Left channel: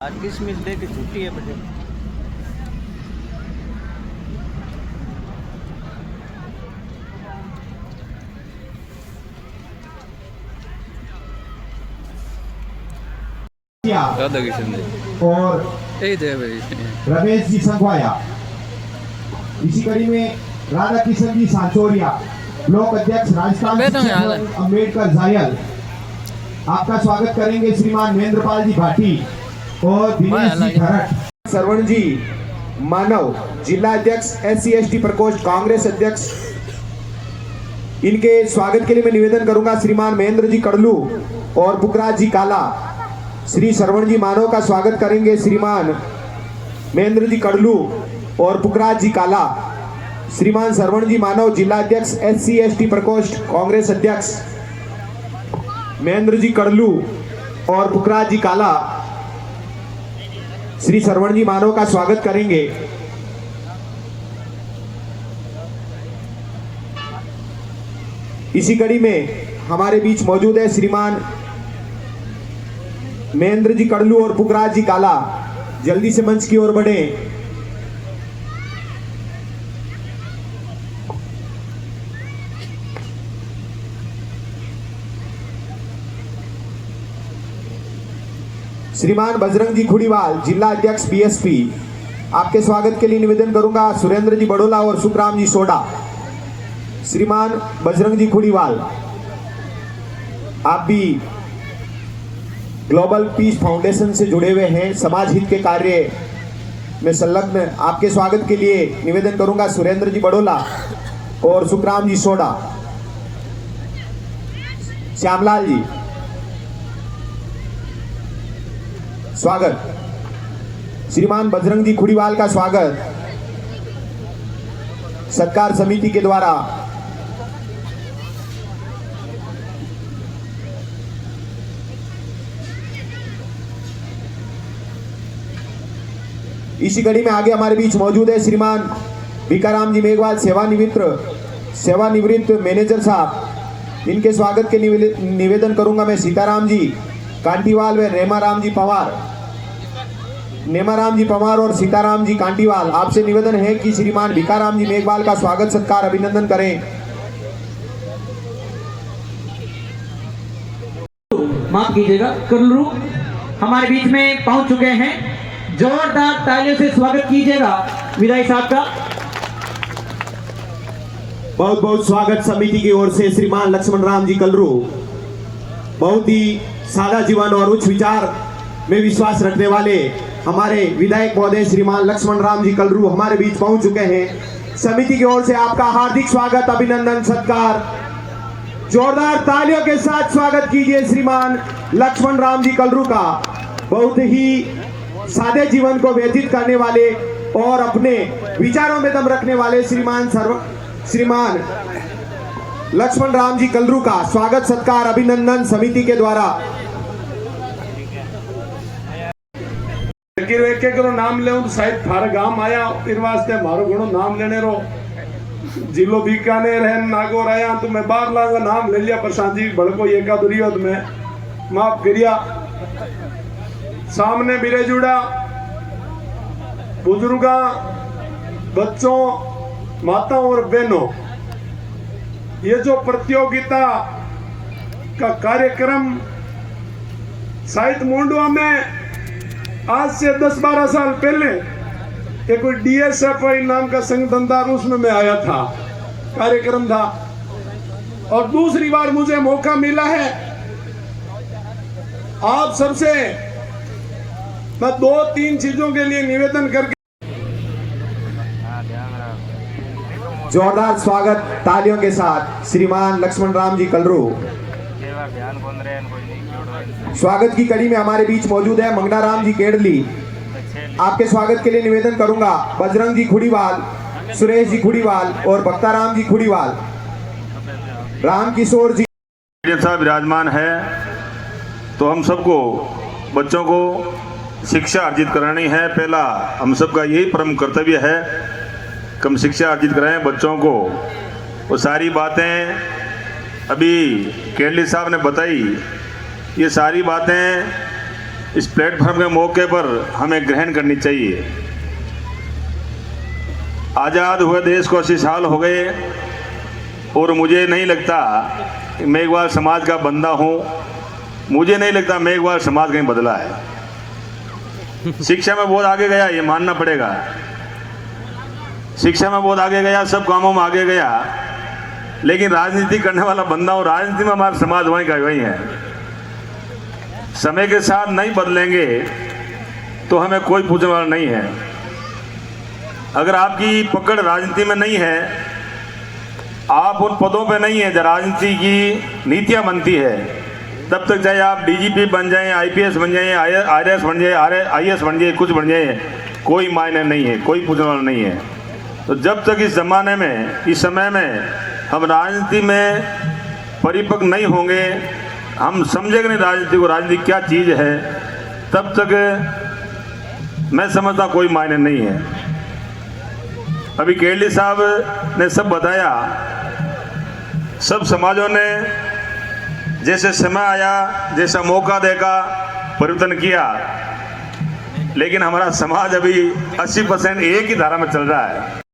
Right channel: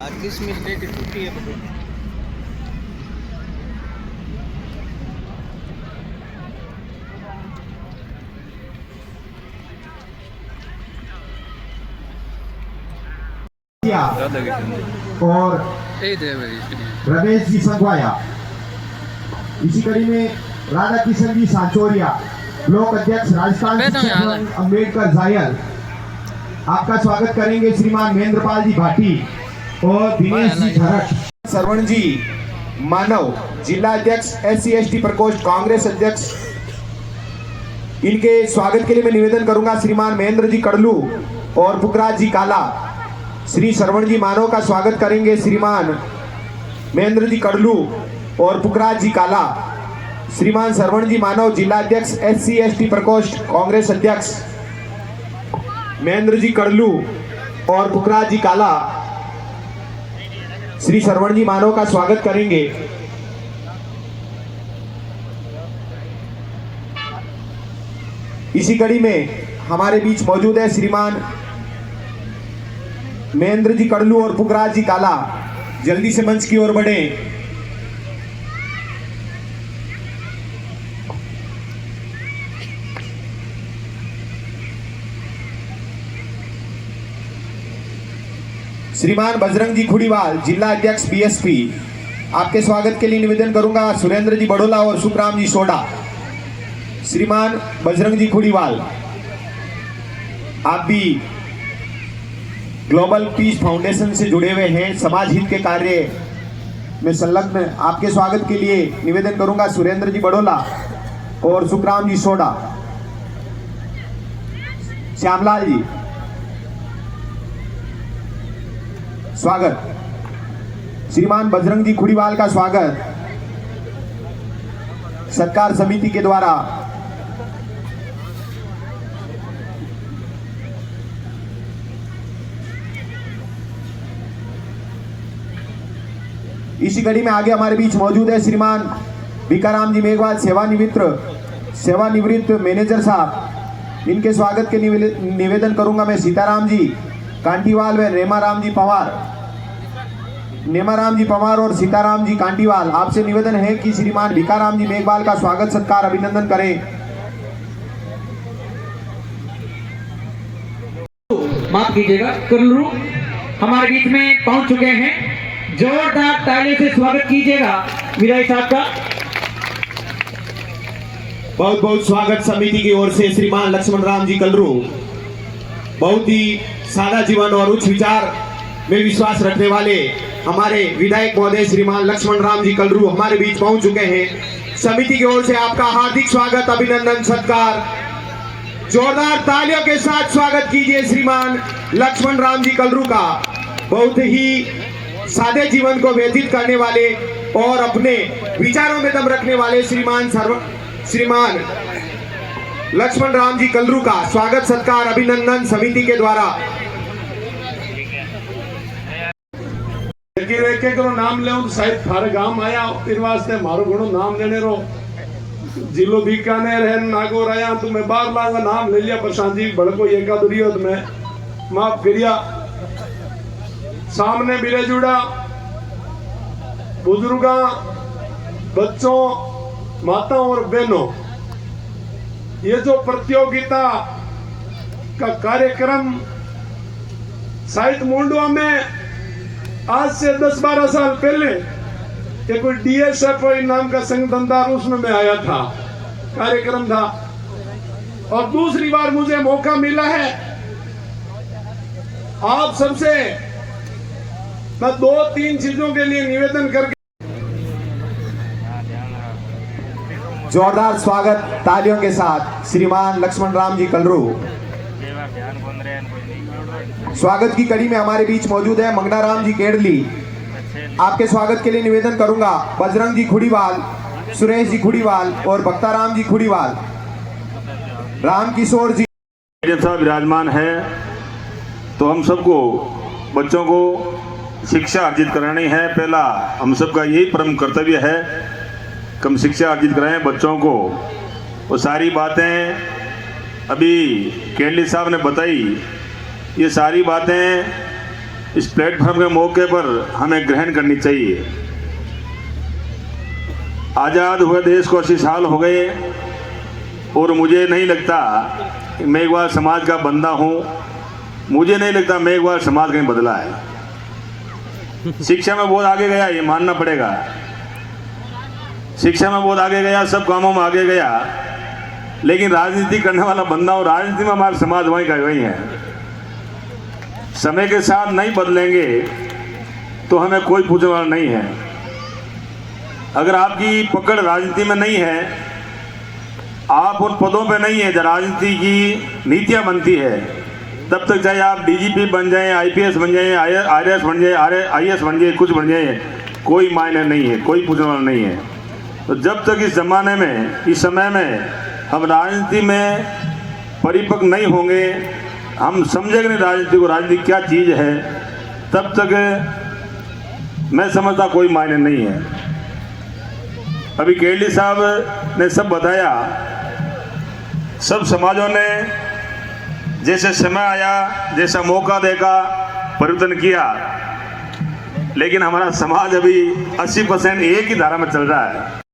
आज 30 मिनट की छुट्टी है बेटे। और रमेश जी संघवाया। इसी कड़ी में राधा किशन जी सांचोरिया, ब्लॉक अध्यक्ष राजस्थान अम्बेडकर जायल, आपका स्वागत करेंगे। श्रीमान महेंद्रपाल जी भाटी और दिनेश जी धरट। सरवण जी मानव, जिला अध्यक्ष SC/ST प्रकोष्ठ कांग्रेस अध्यक्ष, इनके स्वागत के लिए मैं निवेदन करूंगा श्रीमान महेंद्र जी कड़लू और पुखराज जी काला। श्री सरवण जी मानव का स्वागत करेंगे श्रीमान महेंद्र जी कड़लू और पुखराज जी काला। श्रीमान सरवण जी मानव, जिला अध्यक्ष SC/ST प्रकोष्ठ कांग्रेस अध्यक्ष, महेंद्र जी कड़लू और पुखराज जी काला श्री सरवण जी मानव का स्वागत करेंगे। इसी कड़ी में हमारे बीच मौजूद है श्रीमान महेंद्र जी कड़लू और पुखराज जी काला। जल्दी से मंच की ओर बढ़े। श्रीमान बजरंग जी खुड़ीवाल, जिला अध्यक्ष BSP, आपके स्वागत के लिए निवेदन करूंगा सुरेंद्र जी बड़ोला और सुखराम जी सोडा। श्रीमान बजरंग जी खुड़ीवाल, आप भी ग्लोबल पीस फाउंडेशन से जुड़े हुए हैं, समाज हित के कार्य में संलग्न। आपके स्वागत के लिए निवेदन करूंगा सुरेंद्र जी बड़ोला और सुखराम जी सोडा। श्यामलाल जी स्वागत। श्रीमान बजरंग जी खुड़ीवाल का स्वागत सत्कार समिति के द्वारा। इसी कड़ी में आगे हमारे बीच मौजूद है श्रीमान भिकाराम जी मेघवाल, सेवानिवृत्त मैनेजर साहब। इनके स्वागत के निवेदन करूंगा मैं सीताराम जी कांटीवाल व नेमाराम जी पवार और सीताराम जी कांटीवाल। आपसे निवेदन है कि श्रीमान भिकाराम जी मेघवाल का स्वागत सत्कार अभिनंदन करें। माफ कीजिएगा, कुल्लू हमारे बीच में पहुंच चुके हैं। जोरदार तालियों से स्वागत कीजिएगा विधायक साहब का। बहुत बहुत स्वागत समिति की ओर से श्रीमान लक्ष्मण राम जी कलरू। बहुत ही सादा जीवन और उच्च विचार में विश्वास रखने वाले हमारे विधायक महोदय श्रीमान लक्ष्मण राम जी कलरू हमारे बीच पहुंच चुके हैं। समिति की ओर से आपका हार्दिक स्वागत, अभिनंदन, सत्कार। जोरदार तालियों के साथ स्वागत कीजिए श्रीमान लक्ष्मण राम जी कलरू का। बहुत ही सादे जीवन को व्यतीत करने वाले और अपने विचारों में दम रखने वाले श्रीमान लक्ष्मण राम जी कलरू का स्वागत सत्कार अभिनंदन समिति के द्वारा। एक नाम ले शायद थारा गांव आया, इन वास्ते मारो घणो नाम लेने रो। जिलो बीकानेर है, नागौर आया तो मैं बार लांगा नाम ले लिया, प्रशांत जी भड़को एका दुरियो तो मैं माफ करिया। सामने मिले जुड़ा बुजुर्गा, बच्चों, माताओं और बहनों, ये जो प्रतियोगिता का कार्यक्रम साहित्य मुंडवा में आज से 10-12 साल पहले एक कोई DSFI नाम का संघ धंधा, उसमें मैं आया था, कार्यक्रम था। और दूसरी बार मुझे मौका मिला है आप सबसे मैं 2-3 चीजों के लिए निवेदन करके। जोरदार स्वागत तालियों के साथ श्रीमान लक्ष्मण राम जी कलरू। स्वागत की कड़ी में हमारे बीच मौजूद है मंगनाराम जी केडली। आपके स्वागत के लिए निवेदन करूंगा बजरंग जी खुड़ीवाल, सुरेश जी खुड़ीवाल और भक्ताराम जी खुड़ीवाल। राम किशोर जी साहब विराजमान है, तो हम सबको बच्चों को शिक्षा अर्जित करानी है। पहला हम सबका यही परम कर्तव्य है कि हम शिक्षा अर्जित कराएं बच्चों को। वो सारी बातें अभी केडली साहब ने बताई, ये सारी बातें इस प्लेटफॉर्म के मौके पर हमें ग्रहण करनी चाहिए। आज़ाद हुए देश को 80 साल हो गए और मुझे नहीं लगता कि मेघवाल समाज का बंदा हूँ। मुझे नहीं लगता मेघवाल समाज कहीं बदला है। शिक्षा में बहुत आगे गया, ये मानना पड़ेगा। शिक्षा में बहुत आगे गया, सब कामों में आगे गया, लेकिन राजनीति करने वाला बंदा हूँ। राजनीति में हमारा समाज वहीं का वहीं है। समय के साथ नहीं बदलेंगे तो हमें कोई पूछने वाला नहीं है। अगर आपकी पकड़ राजनीति में नहीं है, आप उन पदों पे नहीं है जब राजनीति की नीतियां बनती है, तब तक चाहे आप डीजीपी बन जाएं, आईपीएस बन जाएं, आईआरएस बन जाएं, आईएएस बन जाएं, कुछ बन जाएं, कोई मायने नहीं है, कोई पूछने वाला नहीं है। तो जब तक इस जमाने में, इस समय में हम राजनीति में परिपक्व नहीं होंगे, हम समझेंगे नहीं राजनीति को, राजनीति क्या चीज है, तब तक मैं समझता कोई मायने नहीं है। अभी केरली साहब ने सब बताया, सब समाजों ने जैसे समय आया, जैसा मौका देखा, परिवर्तन किया, लेकिन हमारा समाज अभी 80% एक ही धारा में चल रहा है।